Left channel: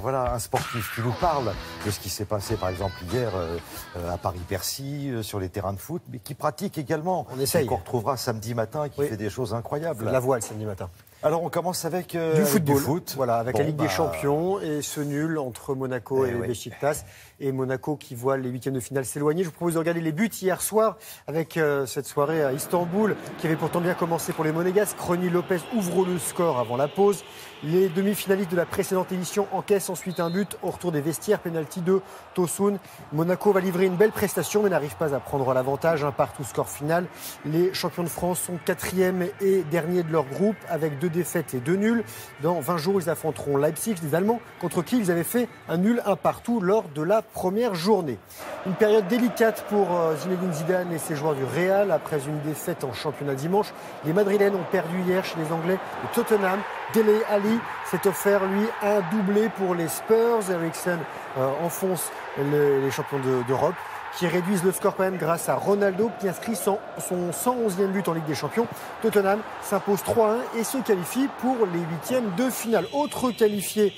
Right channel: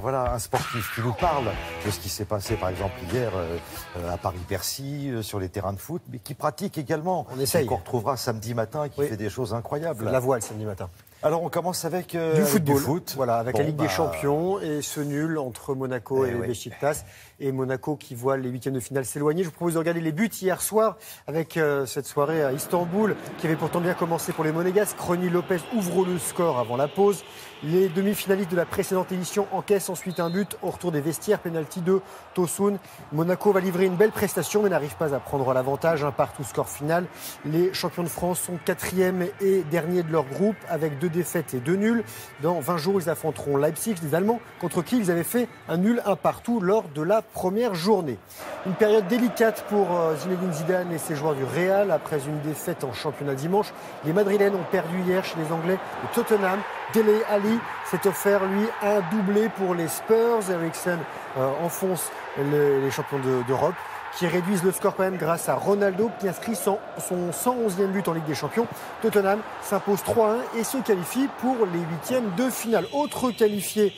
voilà un sportif qui nous parle de ce qui s'est passé par exemple hier à Paris-Bercy, sur les terrains de foot, mais qui pratique également. On essaye. Qu'on retrouvera samedi matin, qui fait des choses incroyables. La voile samedi matin. Alors on commence avec du foot. Voilà, avec la Ligue des Champions et ce nul entre Monaco et Beşiktaş. Et Monaco qui voit les huitièmes de finale s'éloigner. Je vous propose de regarder les buts hier soir avec cette soirée à Istanbul qui avait pourtant bien commencé pour les Monégasques. Ronny Lopez ouvre le score avant la pause. Les demi-finalistes de la précédente édition encaissent ensuite un but au retour des vestiaires, penalty de Tosun. Monaco va livrer une belle prestation mais n'arrive pas à prendre l'avantage. Un partout score final. Les champions de France sont 4e et derniers de leur groupe avec 2 défaites et 2 nuls. Dans 20 jours, ils affronteront Leipzig, les Allemands, contre qui ils avaient fait un nul, un partout lors de la première journée. Une période délicate pour Zinedine Zidane et ses joueurs du Real après une défaite en championnat dimanche. Les Madrilènes ont perdu hier chez les Anglais de Tottenham. Dele Alli s'est offert, lui, un doublé pour les Spurs. Eriksen enfonce les champions d'Europe, qui réduisent le score quand même grâce à Ronaldo qui inscrit son 111e but en Ligue des Champions. Tottenham s'impose 3-1 et se qualifie pour les huitièmes de finale. Autre qualifié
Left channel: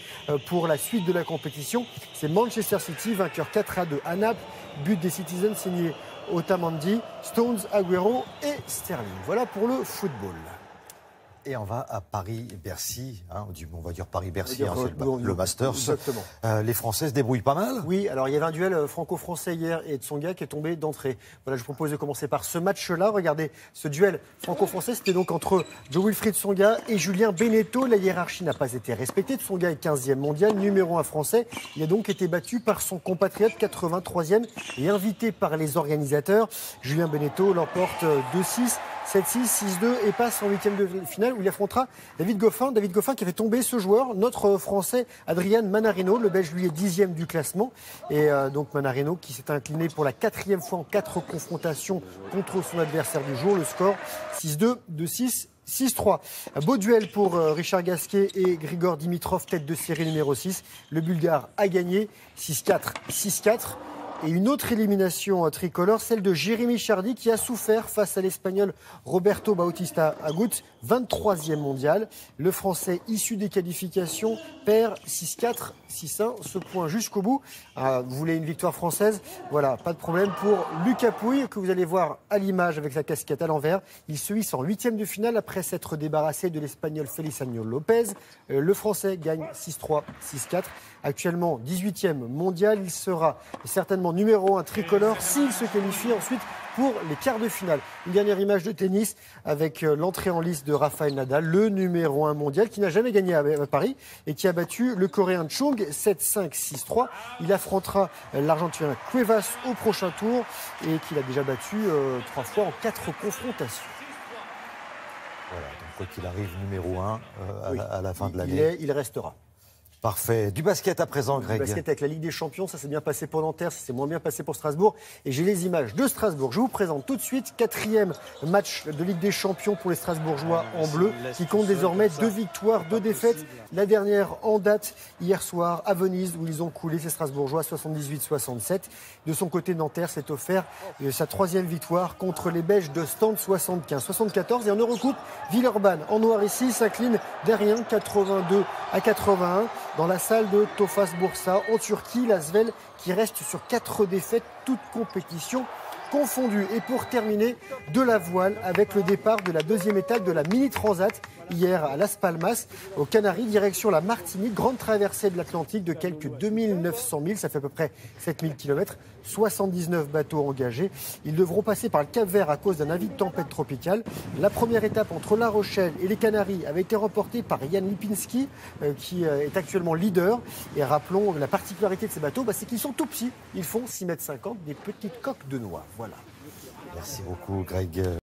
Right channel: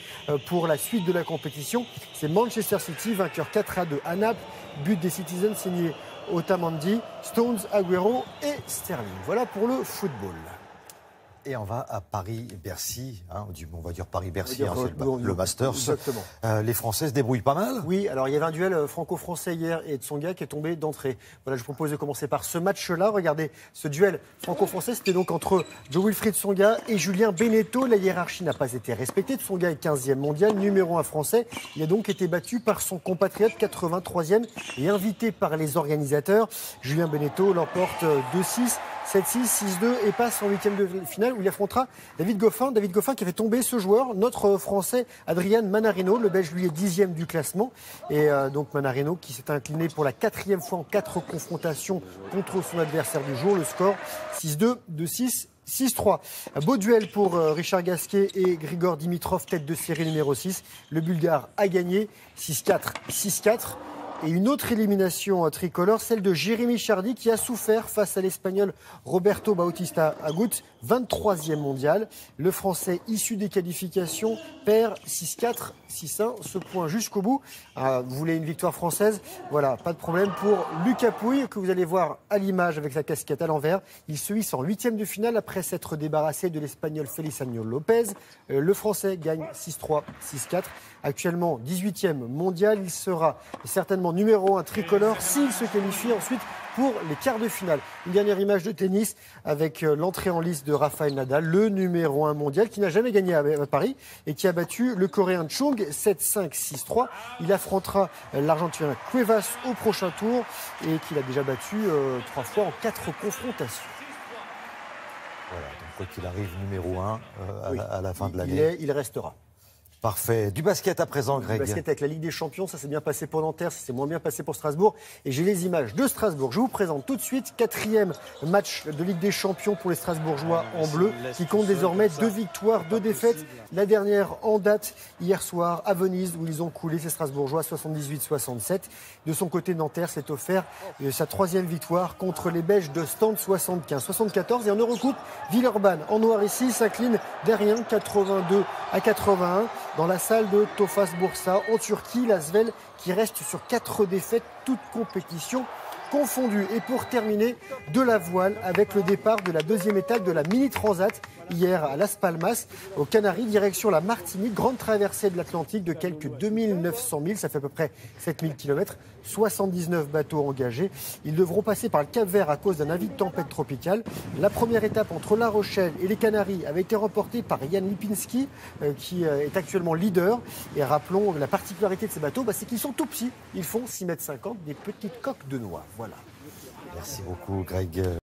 pour la suite de la compétition, c'est Manchester City, vainqueur 4-2 à Naples. But des Citizens signé Otamendi, Stones, Agüero et Sterling. Voilà pour le football. Et on va à Paris-Bercy, on va dire Paris-Bercy, c'est le Masters. Exactement. Les Français se débrouillent pas mal. Oui, alors il y avait un duel franco-français hier et Tsonga qui est tombé d'entrée. Voilà, je vous propose de commencer par ce match-là. Regardez, ce duel franco-français, c'était donc entre Jo-Wilfried Tsonga et Julien Beneteau. La hiérarchie n'a pas été respectée. Tsonga est 15e mondial, numéro 1 français. Il a donc été battu par son compatriote 83e et invité par les organisateurs. Julien Beneteau l'emporte 2-6. 7-6, 6-2 et passe en huitième de finale où il affrontera David Goffin. David Goffin qui avait tombé ce joueur, notre Français Adrian Manarino. Le Belge lui est 10e du classement. Et donc Manarino qui s'est incliné pour la 4e fois en 4 confrontations contre son adversaire du jour. Le score 6-2, 2-6. 6-3. Un beau duel pour Richard Gasquet et Grigor Dimitrov, tête de série numéro 6. Le Bulgare a gagné 6-4, 6-4. Et une autre élimination tricolore, celle de Jérémy Chardy qui a souffert face à l'Espagnol Roberto Bautista Agut, 23e mondial. Le Français issu des qualifications perd 6-4, 6-1, ce point jusqu'au bout. Vous voulez une victoire française? Voilà, pas de problème pour Lucas Pouille que vous allez voir à l'image avec la casquette à l'envers. Il se hisse en huitième de finale après s'être débarrassé de l'Espagnol Feliciano Lopez. Le Français gagne 6-3, 6-4. Actuellement 18e mondial, il sera certainement numéro 1 tricolore s'il se qualifie ensuite pour les quarts de finale. Une dernière image de tennis avec l'entrée en lice de Rafael Nadal, le numéro 1 mondial qui n'a jamais gagné à Paris et qui a battu le Coréen Chung 7-5, 6-3. Il affrontera l'Argentin Cuevas au prochain tour et qu'il a déjà battu 3 fois en 4 confrontations. Voilà, donc quoi qu'il arrive, numéro 1 à la fin de l'année. Il restera. Parfait. Du basket à présent, Greg. Du basket avec la Ligue des Champions, ça s'est bien passé pour Nanterre, ça s'est moins bien passé pour Strasbourg. Et j'ai les images de Strasbourg. Je vous présente tout de suite 4e match de Ligue des Champions pour les Strasbourgeois en bleu, qui compte désormais 2 victoires, 2 défaites. La dernière en date, hier soir, à Venise, où ils ont coulé ces Strasbourgeois 78-67. De son côté, Nanterre s'est offert sa 3e victoire contre les Belges de Stand 75-74. Et en Eurocoupe, Villeurbanne, en noir ici, s'incline derrière 82-81 dans la salle de Tofaş Bursa en Turquie. L'Asvel qui reste sur 4 défaites, toutes compétitions confondues. Et pour terminer, de la voile avec le départ de la 2e étape de la Mini Transat hier à Las Palmas, aux Canaries, direction la Martinique. Grande traversée de l'Atlantique de quelques 2900 milles, ça fait à peu près 7000 km, 79 bateaux engagés. Ils devront passer par le Cap-Vert à cause d'un avis de tempête tropicale. La première étape entre La Rochelle et les Canaries avait été remportée par Jan Lipinski, qui est actuellement leader. Et rappelons, la particularité de ces bateaux, c'est qu'ils sont tout petits. Ils font 6,50 m, des petites coques de noix. Voilà. Merci beaucoup, Greg.